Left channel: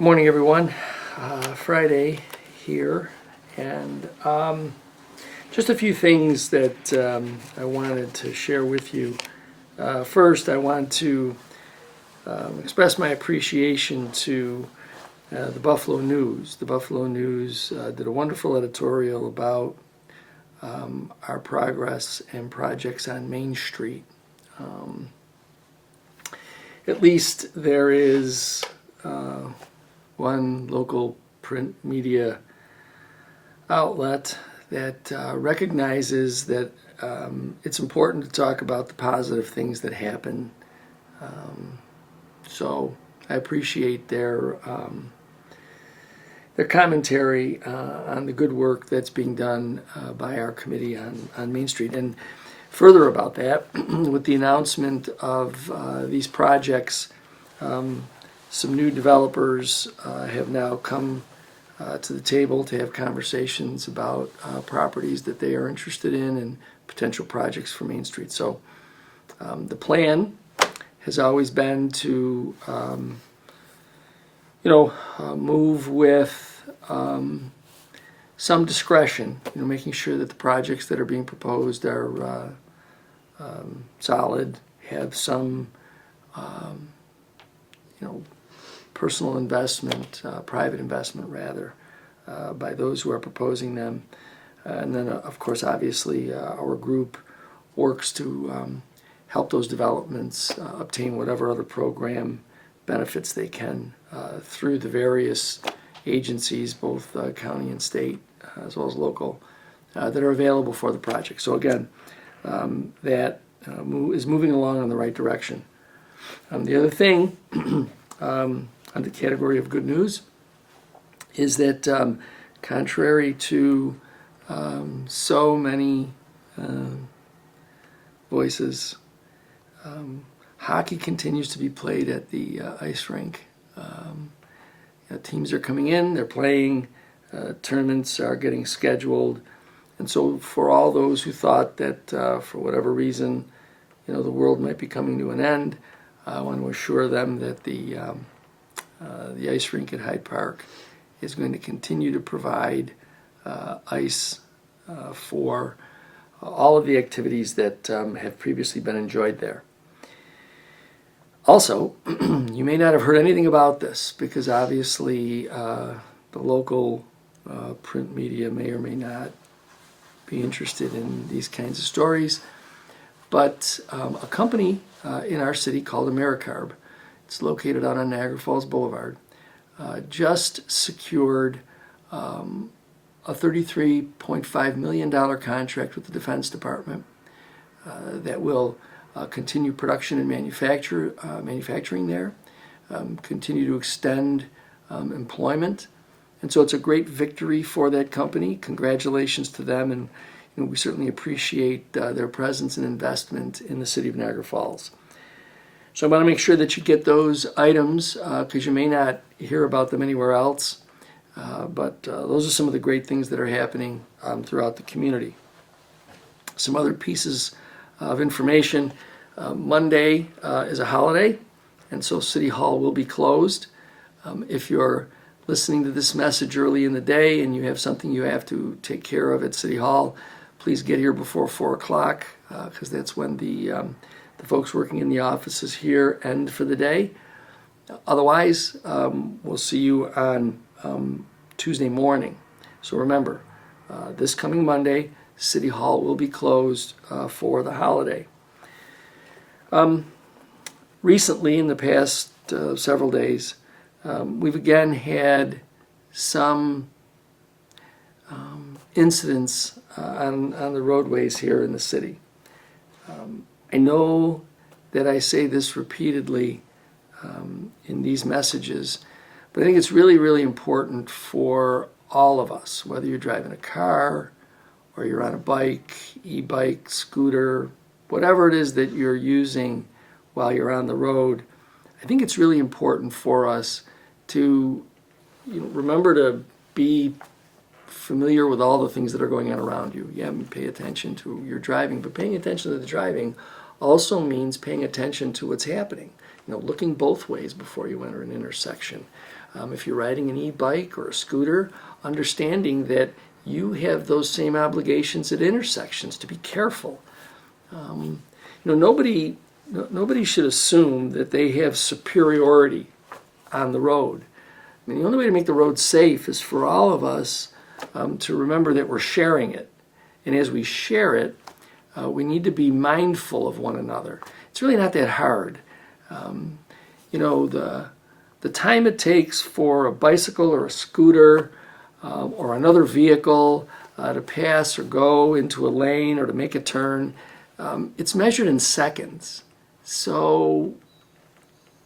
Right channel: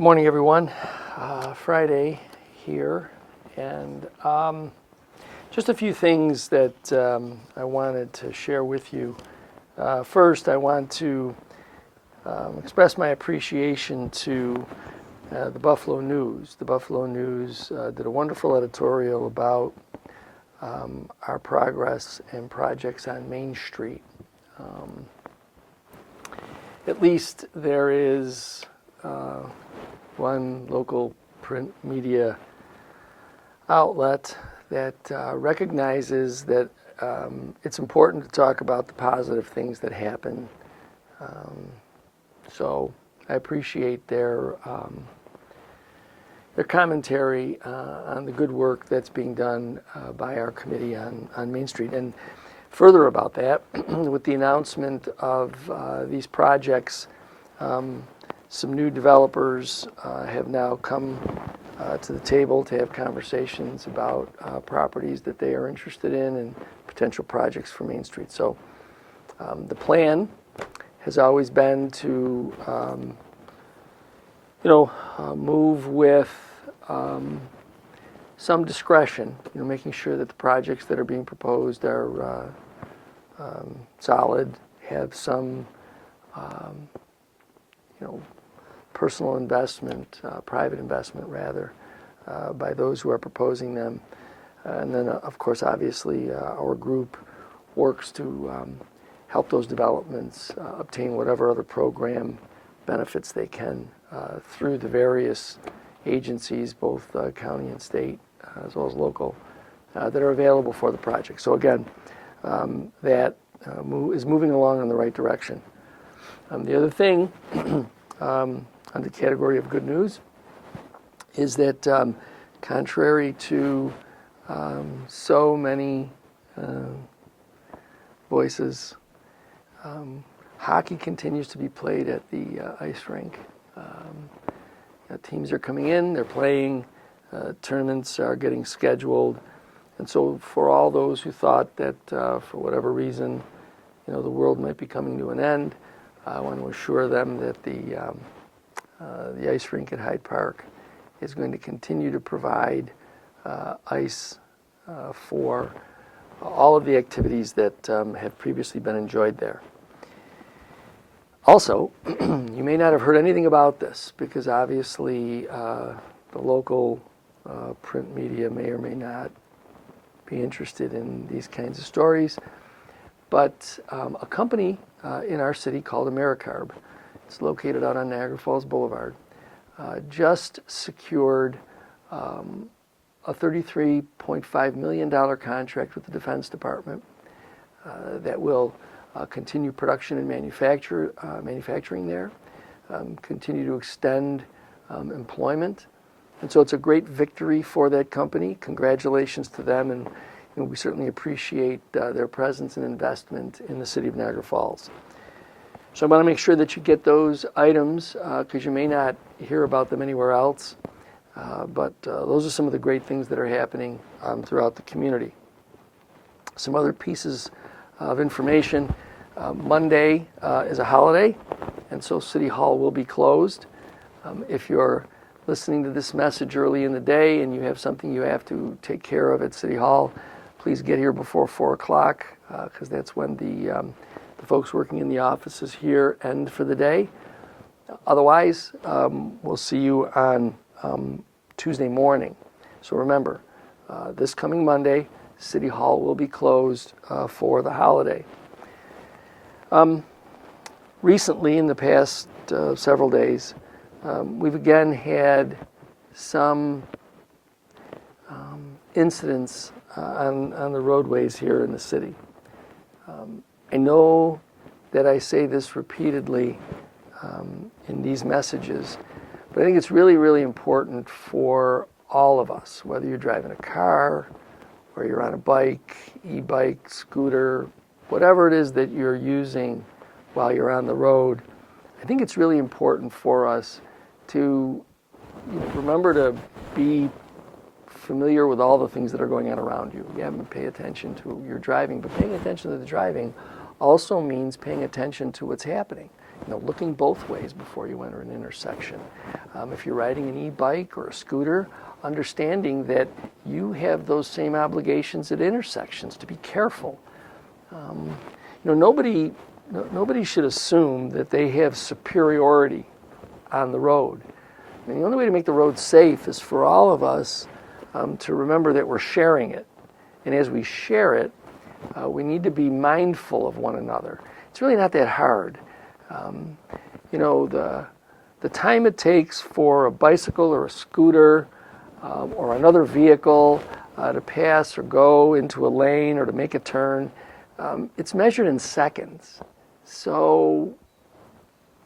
Good morning, everyone. Friday here, and just a few things that I wanted to share with you. First, I want to express my appreciation to the Buffalo News. The Buffalo News did a wonderful editorial about our progress and projects on Main Street. At least there is one local print media outlet that recognizes that it's important to talk about the positive things that happen. So I appreciate their commentary on the good work that's being done by our committee on Main Street. And further about that, with the announcement of these projects, some new developers have now come to the table to have conversations about properties that they are interested in and potential projects for Main Street. So the plan has always been to, move with some discretion, making sure that the projects that are being proposed are solid, have some, personal investment, private investment rather, by those who are proposing them. And then, of course, obviously, our group works to help those developments obtain whatever other program benefits they can through the various agencies, both county and state, as well as local, that are available for the project. So again, that is moving along in the right direction. The other thing, under the category of good news, is that contrary to so many voices, hockey continues to be played at the ice rink. Teams are coming in, they're playing, tournaments are getting scheduled, and so for all those who thought that for whatever reason, the world might be coming to an end, I want to assure them that the ice rink at Hyde Park is going to continue to provide ice for all of the activities that have previously been enjoyed there. Also, you may not have heard anything about this because obviously the local print media may or may not be interested in these kinds of stories, but a company in our city called AmeriCarb, it's located out on Niagara Falls Boulevard, just secured a $33.5 million contract with the Defense Department that will continue production and manufacturing there, continue to extend employment. And so it's a great victory for that company. Congratulations to them, and we certainly appreciate their presence and investment in the city of Niagara Falls. So I want to make sure that you get those items because you may not hear about them anywhere else. But those are some of the great things that are happening throughout the community. Some other pieces of information. Monday is a holiday, and so City Hall will be closed. If you're listening to this message early in the day and you have something you have to take care of at City Hall, please get here before 4 o'clock because that's when the folks working in the offices here end for the day. Otherwise, we'll see you on Tuesday morning. So remember, this coming Monday, City Hall will be closed for the holiday. Recently, in the past several days, we've again had some incidents on the roadways here in the city. I know that I say this repeatedly in these messages, but I think it's really, really important for all of us, whether you're driving a car or you're on a bike, e-bike, scooter, whatever it is that you're using while you're on the road. I think it's really important for us to remember to be familiar with all the things that are going on around you. Yeah, pay attention to your driving, but paying attention to the driving also means paying attention to what's happening. looking both ways before you enter an intersection. If you're riding an e-bike or a scooter, understanding that you have those same obligations at intersections to be careful. Nobody should assume that they have superiority on the road. I mean, the only way to make the road safe is for all of us to remember that we're sharing it. And as we share it, we need to be mindful of one another. It's really not that hard. The time it takes for a bicycle or a scooter or another vehicle to pass or go into a lane or to make a turn, it's measured in seconds. So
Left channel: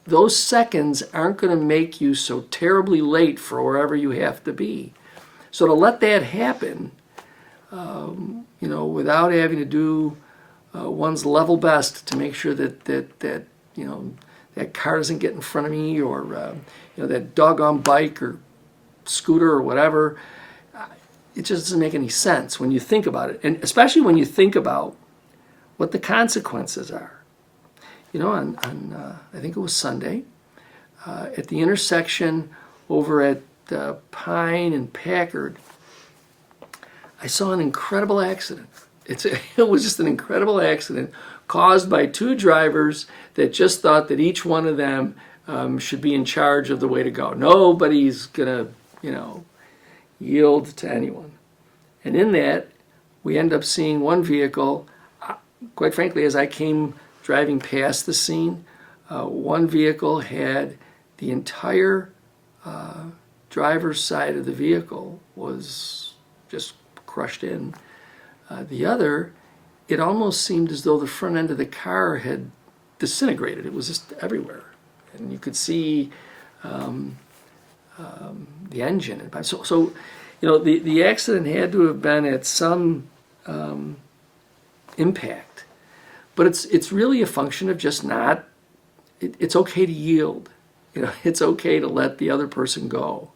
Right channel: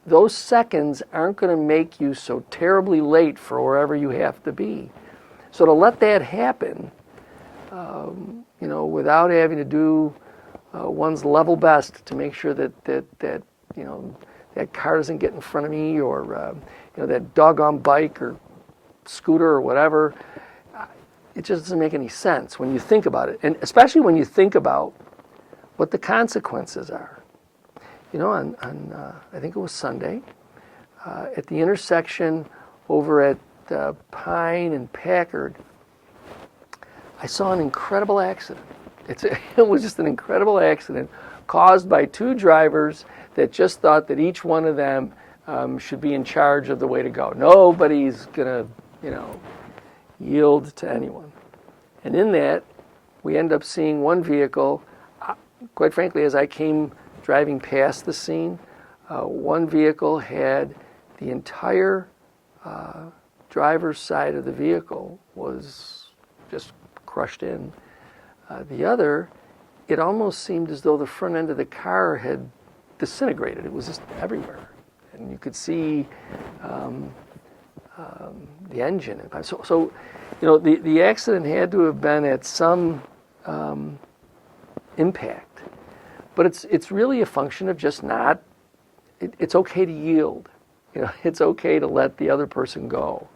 those seconds aren't going to make you so terribly late for wherever you have to be. So to let that happen, without having to do one's level best to make sure that that car doesn't get in front of me, or that doggone bike or scooter or whatever, it just doesn't make any sense when you think about it, and especially when you think about what the consequences are. On I think it was Sunday, at the intersection over at Pine and Packard, I saw an incredible accident. It was just an incredible accident caused by two drivers that just thought that each one of them should be in charge of the way to go. Nobody's going to, yield to anyone. And in that, we end up seeing one vehicle, quite frankly, as I came driving past the scene, one vehicle had the entire driver's side of the vehicle was just crushed in. The other, it almost seemed as though the front end of the car had disintegrated. It was just everywhere. And you could see the engine. So the accident had to have been at some impact. But it's really a function of just not, it's okay to yield. It's okay to let the other person go.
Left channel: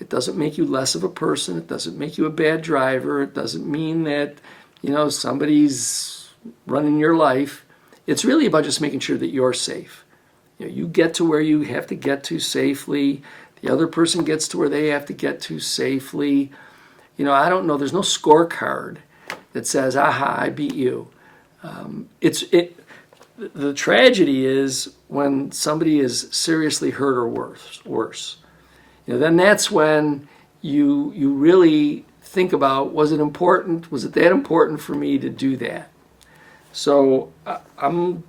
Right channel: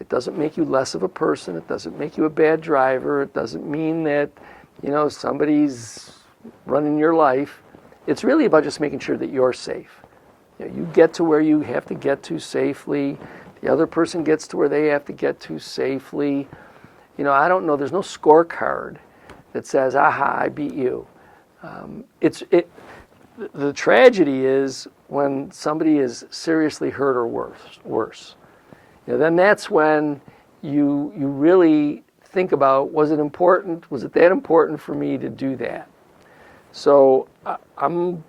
It doesn't make you less of a person. It doesn't make you a bad driver. It doesn't mean that, somebody's running your life. It's really about just making sure that you're safe. You get to where you have to get to safely. The other person gets to where they have to get to safely. I don't know. There's no scorecard that says, aha, I beat you. The tragedy is when somebody is seriously hurt or worse. Then that's when you really think about, was it that important for me to do that? So I'm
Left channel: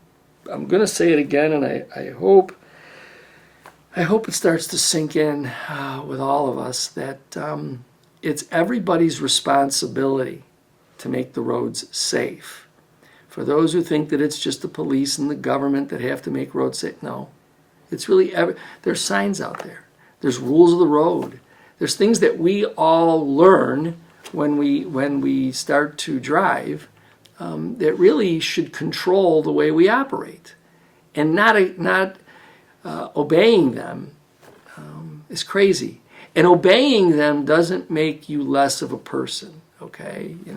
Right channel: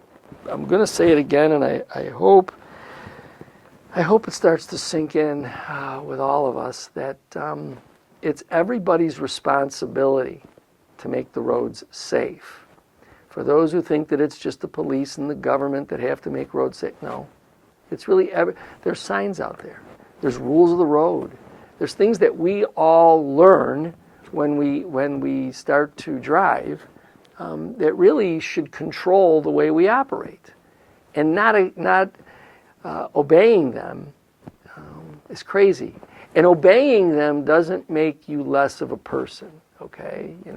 going to say it again, and I hope it starts to sink in with all of us that it's everybody's responsibility to make the roads safe. For those who think that it's just the police and the government that have to make roads safe, no. It's really, there's signs out there. There's rules of the road. There's things that we all learn when we start to drive that really should control the way we operate. And not obeying them is crazy. And obeying them doesn't make you less of a person, okay? I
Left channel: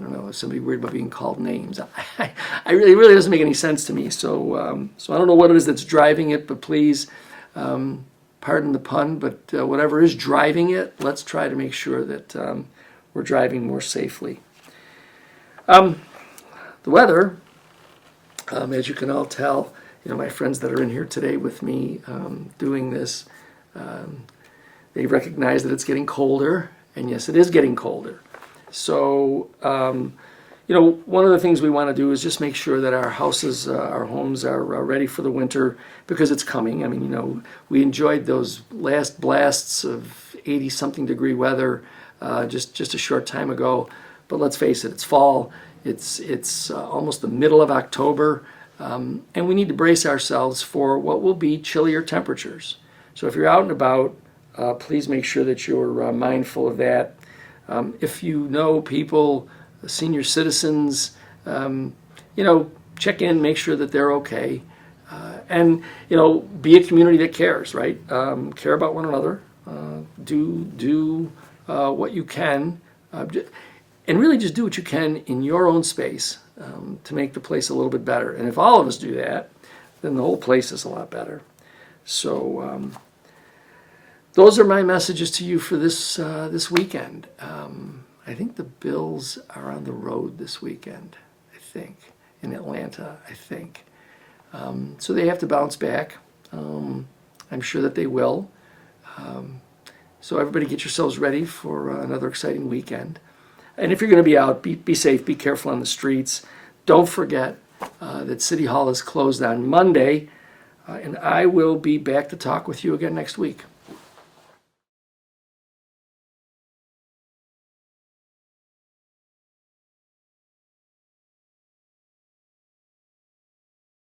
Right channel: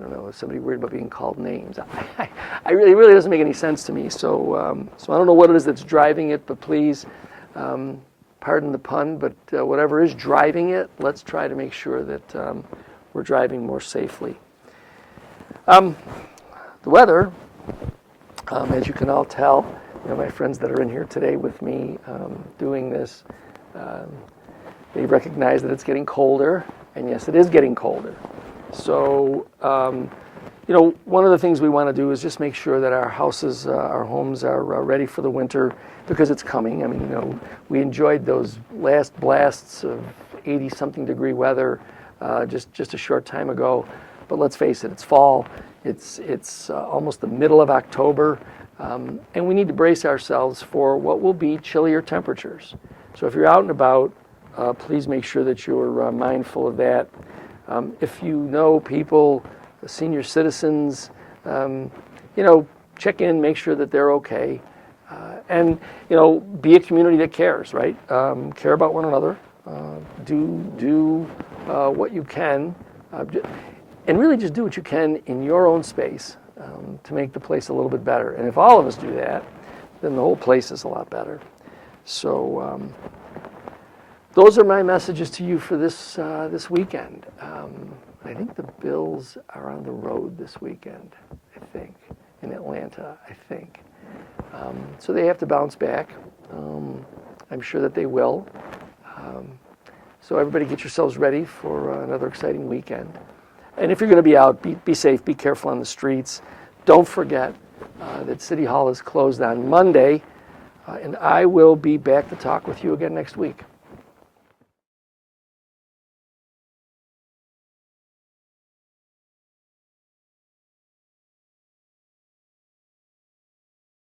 don't know, is somebody worried about being called names? It really doesn't make any sense to me. So I don't know what it is that's driving it, but please, pardon the pun, but whatever is driving it, let's try to make sure that we're driving more safely. The weather, as you can all tell, my friends that are in here today with me doing this, they recognize that it's getting colder, and yes, it is getting colder. So, one of the things we want to do is just make sure that our houses, our homes are ready for the winter because it's coming. I mean, we enjoyed those last blasts of 80-something degree weather just a short time ago. But let's face it, it's fall. It's almost the middle of October, and we need to brace ourselves for what will be chillier temperatures. So if you're out and about, please make sure that you're mindful of that. If you know people, senior citizens, check in, make sure that they're okay. And, be a community that cares, right? Care about one another. Do what you can. and really just do what you can in your own space to make the place a little bit better. And if all of us do that, then the whole place is a lot better. So those are my messages to you for this weekend. I think the Bills are on the road this weekend, I think, in Atlanta, I think. So they have to bounce back. I'm sure that they will. So everybody get yourselves ready for another exciting weekend. And if you're going to be out, be safe, be careful on the streets. Don't forget that City Hall is closed on Monday, and I will be back to talk with you again next week.